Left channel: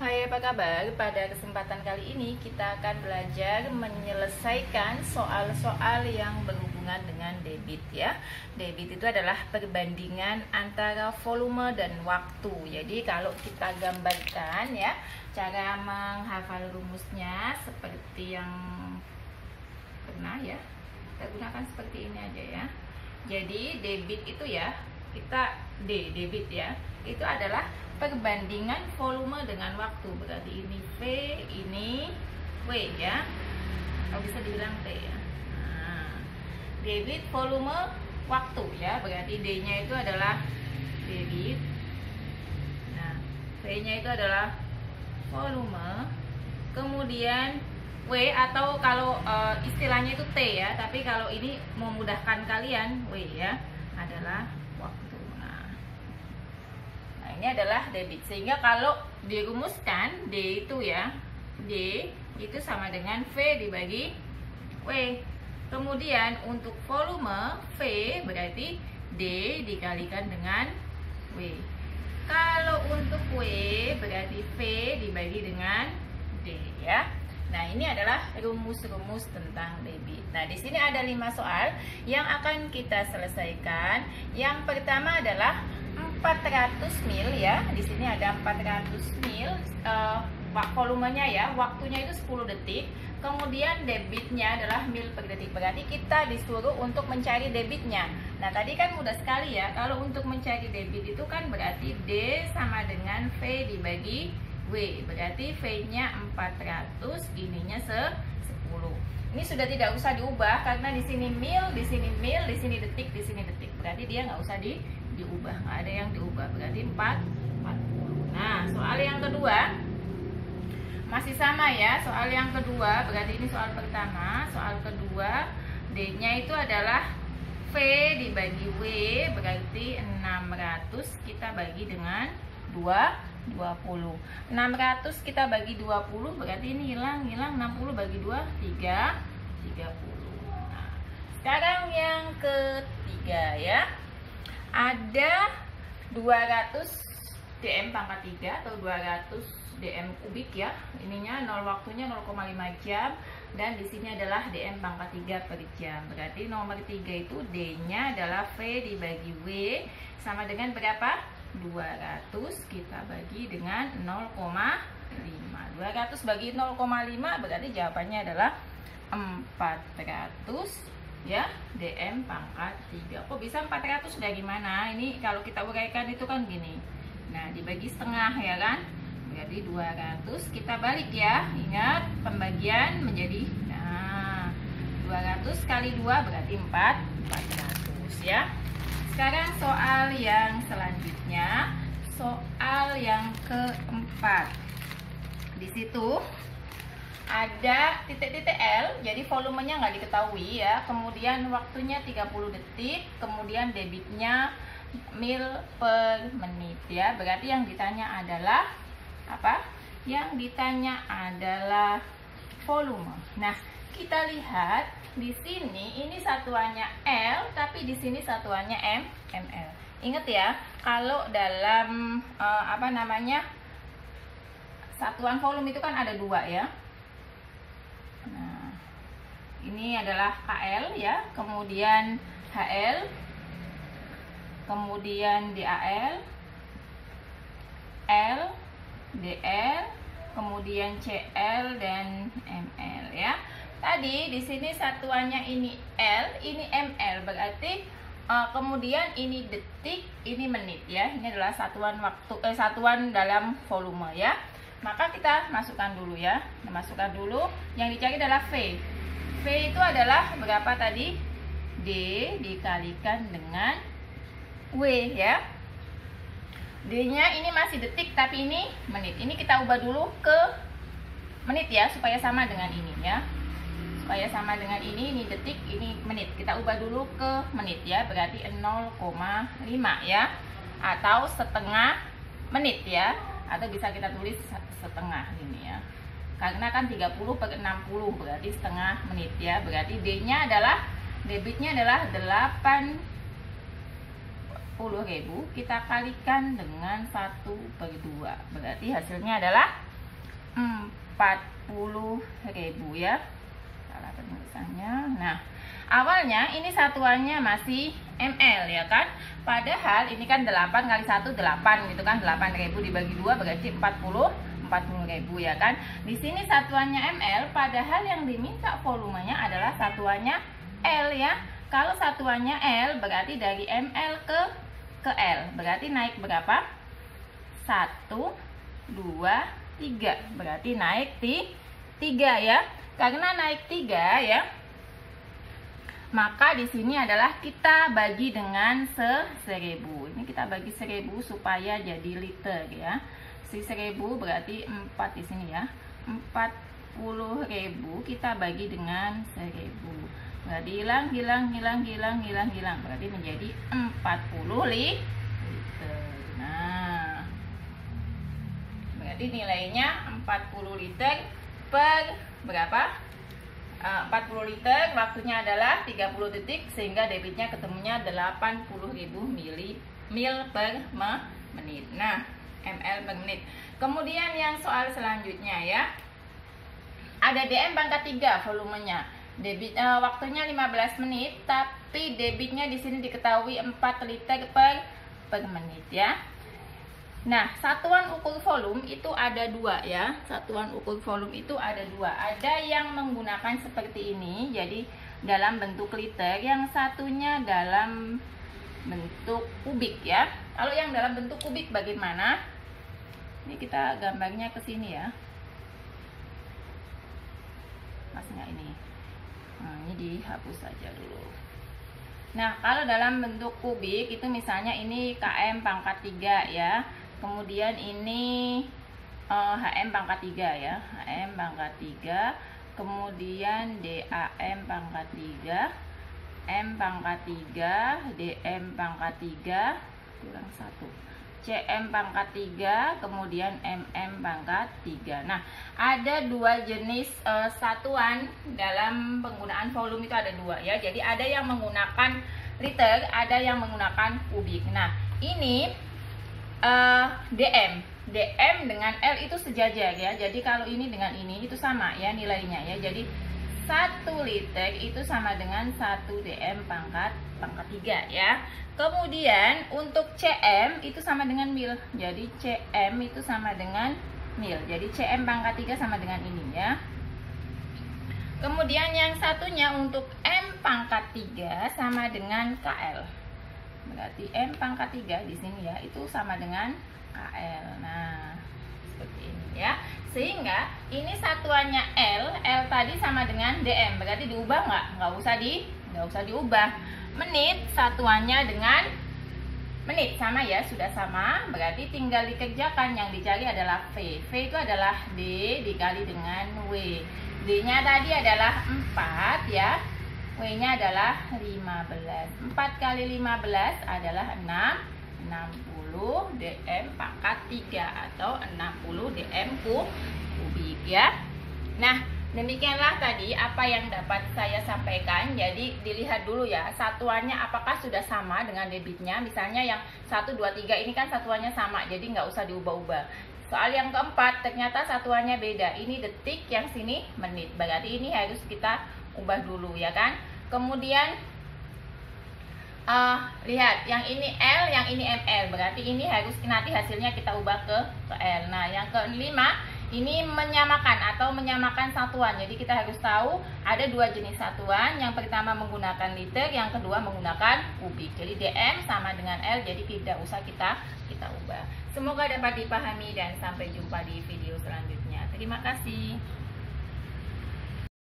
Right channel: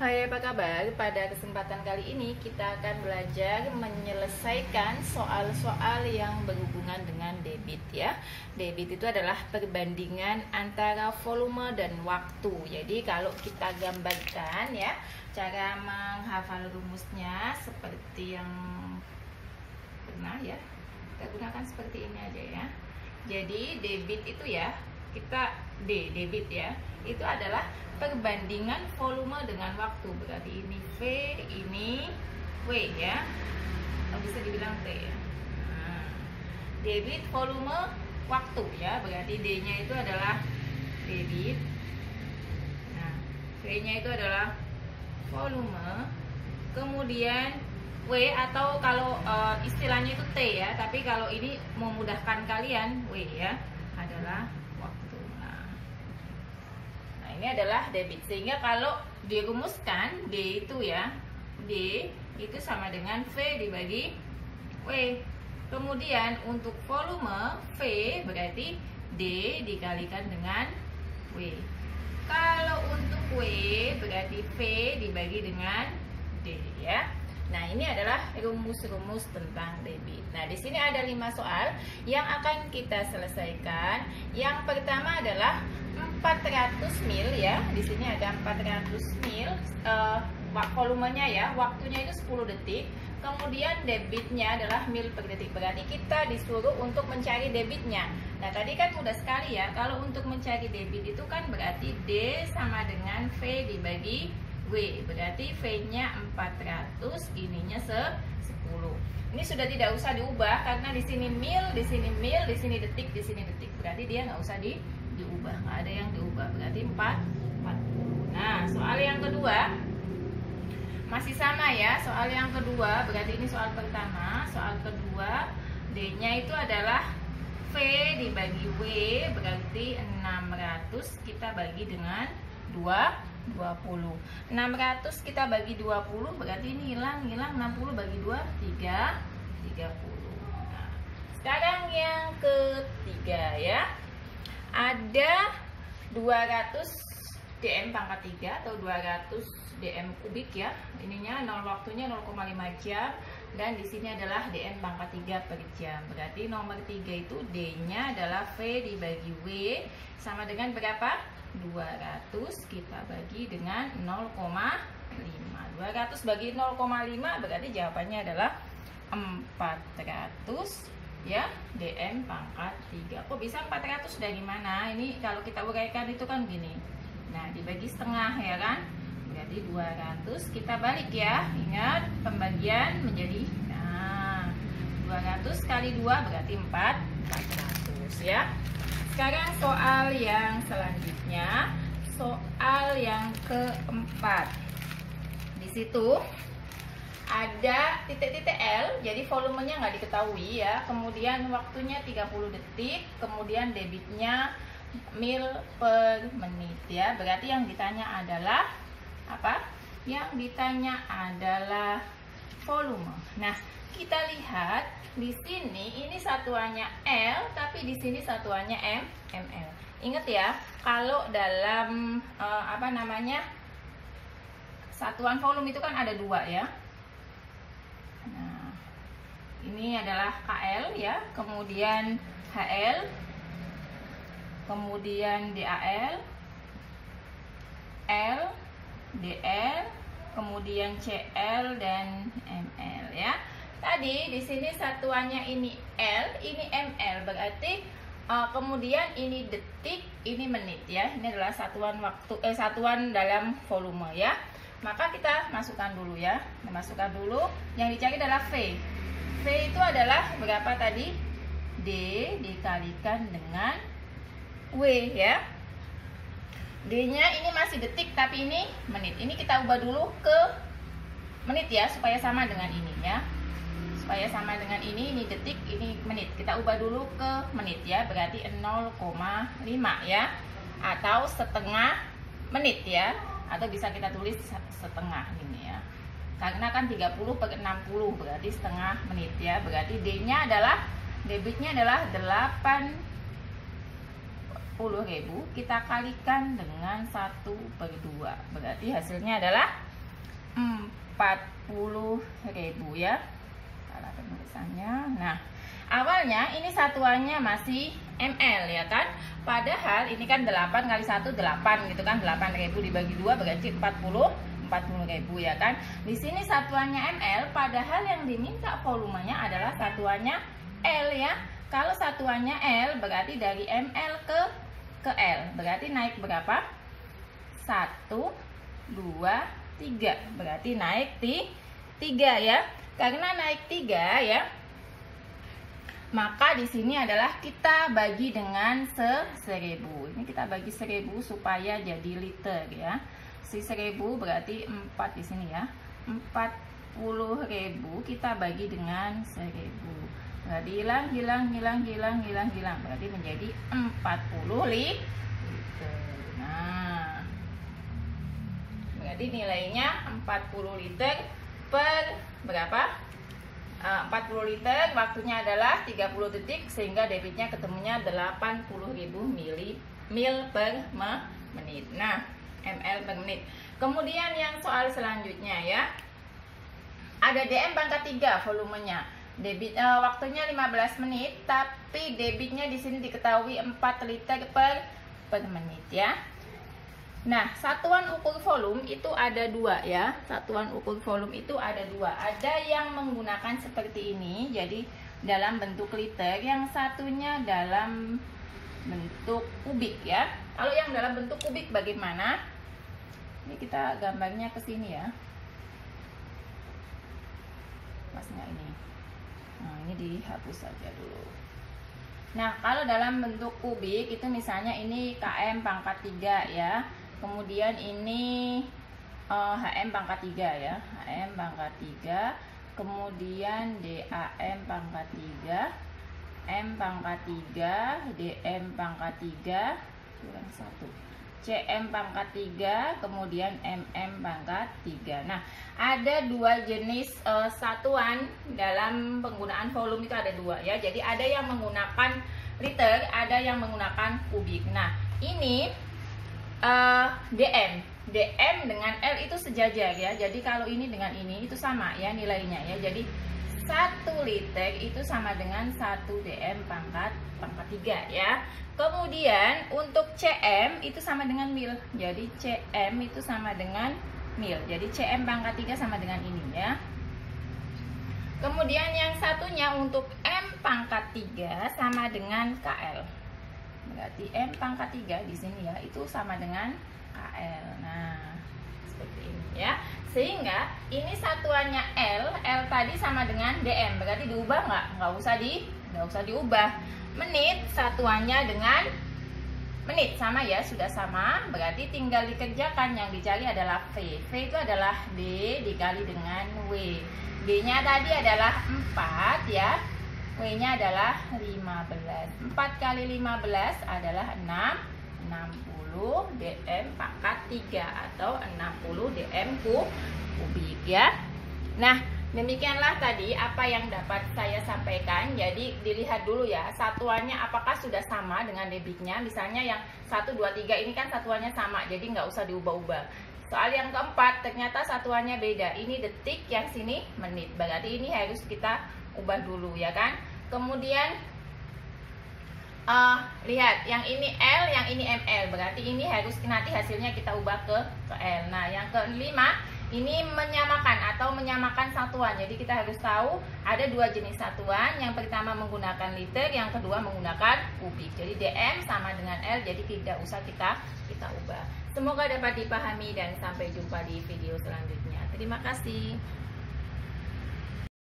Hai, apa kabar? Pada kesempatan kali ini kita akan belajar menyelesaikan soal-soal yang berhubungan dengan debit ya. Debit itu adalah perbandingan antara volume dan waktu. Jadi kalau kita gambarkan ya, cara menghafal rumusnya seperti yang pernah ya. Kita gunakan seperti ini aja ya. Jadi debit itu ya, kita debit ya, itu adalah perbandingan volume dengan waktu. Berarti ini V, ini W ya. Kalau bisa dibilang T ya. Nah, debit volume waktu ya. Berarti D-nya itu adalah debit. Nah, V-nya itu adalah volume. Kemudian W atau kalau istilahnya itu T ya. Tapi kalau ini memudahkan kalian W ya, adalah waktu. Ini adalah debit, sehingga kalau dirumuskan D itu ya, D itu sama dengan V dibagi W. Kemudian untuk volume V berarti D dikalikan dengan W. Kalau untuk W berarti V dibagi dengan D ya. Nah, ini adalah rumus-rumus tentang debit. Nah, di sini ada 5 soal yang akan kita selesaikan. Yang pertama adalah 400 mil ya. Di sini ada 400 mil volumenya ya, waktunya itu 10 detik. Kemudian debitnya adalah mil per detik. Berarti kita disuruh untuk mencari debitnya. Nah, tadi kan mudah sekali ya. Kalau untuk mencari debit itu kan berarti D sama dengan V dibagi W. Berarti V-nya 400, ininya 10. Ini sudah tidak usah diubah karena di sini mil, di sini mil, di sini detik, di sini detik. Berarti dia nggak usah diubah, nggak ada yang diubah. Berarti 40. Nah, soal yang kedua masih sama ya. Soal yang kedua berarti ini soal pertama. Soal kedua D-nya itu adalah V dibagi W, berarti 600 kita bagi dengan 20. 600 kita bagi 20 berarti ini hilang 60 bagi 2 30. Nah, sekarang yang ketiga ya, ada 200 dm pangkat 3 atau 200 dm kubik ya. Ininya 0 waktunya 0,5 jam dan di sini adalah dm pangkat 3 per jam. Berarti nomor 3 itu D-nya adalah V dibagi W sama dengan berapa? 200 kita bagi dengan 0,5. 200 bagi 0,5 berarti jawabannya adalah 400 ya, dm pangkat 3. Kok bisa 400 dari mana? Ini kalau kita uraikan itu kan gini. Nah, dibagi setengah ya kan? Berarti 200 kita balik ya. Ingat pembagian menjadi 200 kali 2 berarti 400 ya. Sekarang soal yang selanjutnya, soal yang keempat. Di situ ada titik-titik L, jadi volumenya nggak diketahui ya. Kemudian waktunya 30 detik, kemudian debitnya mil per menit ya. Berarti yang ditanya adalah apa? Yang ditanya adalah volume. Nah, kita lihat di sini ini satuannya L, tapi di sini satuannya ml. Ingat ya, kalau dalam satuan volume itu kan ada 2 ya. Nah, ini adalah KL ya, kemudian HL, kemudian DAL, L, DL, kemudian CL dan ML ya. Tadi di sini satuannya ini L, ini ml, berarti kemudian ini detik, ini menit ya. Ini adalah satuan waktu, satuan dalam volume ya. Maka kita masukkan dulu ya. Masukkan dulu. Yang dicari adalah V. V itu adalah berapa tadi? D dikalikan dengan W ya. D-nya ini masih detik tapi ini menit. Ini kita ubah dulu ke menit ya supaya sama dengan ini ya. Supaya sama dengan ini detik, ini menit. Kita ubah dulu ke menit ya, berarti 0,5 ya, atau setengah menit ya, atau bisa kita tulis setengah ini ya, karena kan 30 per 60 berarti setengah menit ya. Berarti D-nya adalah, debitnya adalah 80.000, kita kalikan dengan 1/2, berarti hasilnya adalah 40.000 ya. Salah penulisannya. Nah, awalnya ini satuannya masih ml ya kan. Padahal ini kan 8 kali 1 8 gitu kan. 8.000 dibagi 2 berarti 40.000 ya kan. Di sini satuannya ml, padahal yang diminta volumenya adalah satuannya L ya. Kalau satuannya L berarti dari ml ke L. Berarti naik berapa? 1 2 3. Berarti naik 3 ya. Karena naik 3 ya, maka di sini adalah kita bagi dengan 1000. Ini kita bagi 1000 supaya jadi liter ya. 1000 berarti 4 di sini ya. 40.000 kita bagi dengan 1000. Berarti hilang. Berarti menjadi 40 liter. Nah, berarti nilainya 40 liter per berapa? 40 liter, waktunya adalah 30 detik, sehingga debitnya ketemunya 80.000 mil per menit. Nah, ml per menit. Kemudian yang soal selanjutnya ya, ada DM pangkat 3 volumenya. Debit waktunya 15 menit, tapi debitnya di sini diketahui 4 liter per menit ya. Nah, satuan ukur volume itu ada 2 ya. Satuan ukur volume itu ada 2. Ada yang menggunakan seperti ini, jadi dalam bentuk liter, yang satunya dalam bentuk kubik ya. Kalau yang dalam bentuk kubik bagaimana? Ini kita gambarnya ke sini ya. Pas nggak ini? Nah, ini dihapus saja dulu. Nah, kalau dalam bentuk kubik itu misalnya ini km pangkat 3 ya. Kemudian ini HM pangkat 3 ya. HM pangkat 3. Kemudian DAM pangkat 3. M pangkat 3. DM pangkat 3. Kurang 1. CM pangkat 3. Kemudian MM pangkat 3. Nah, ada 2 jenis satuan dalam penggunaan volume itu ada 2 ya. Jadi ada yang menggunakan liter, ada yang menggunakan kubik. Nah, ini DM dengan L itu sejajar ya. Jadi kalau ini dengan ini itu sama ya nilainya ya. Jadi 1 liter itu sama dengan 1 DM pangkat 3 ya. Kemudian untuk CM itu sama dengan mil. Jadi CM itu sama dengan mil. Jadi CM pangkat 3 sama dengan ini ya. Kemudian yang satunya untuk M pangkat 3 sama dengan KL. Berarti M pangkat 3 di sini ya, itu sama dengan KL. Nah, seperti ini ya. Sehingga ini satuannya L tadi sama dengan DM. Berarti diubah nggak? Nggak usah diubah. Menit satuannya dengan menit sama ya, sudah sama. Berarti tinggal dikerjakan, yang dicari adalah V. V itu adalah D dikali dengan W. D-nya tadi adalah 4 ya. W-nya adalah 15. 4 kali 15 adalah 60 DM pangkat 3 atau 60 DM kubik ya. Nah, demikianlah tadi apa yang dapat saya sampaikan. Jadi dilihat dulu ya, satuannya apakah sudah sama dengan debitnya. Misalnya yang 1, 2, 3 ini kan satuannya sama, jadi nggak usah diubah-ubah. Soal yang keempat, ternyata satuannya beda. Ini detik, yang sini menit. Berarti ini harus kita ubah dulu ya kan. Kemudian lihat, yang ini L, yang ini ml. Berarti ini harus nanti hasilnya kita ubah ke L. Nah, yang kelima ini menyamakan satuan. Jadi kita harus tahu ada 2 jenis satuan. Yang pertama menggunakan liter, yang kedua menggunakan kubik. Jadi DM sama dengan L, jadi tidak usah kita ubah. Semoga dapat dipahami dan sampai jumpa di video selanjutnya. Terima kasih.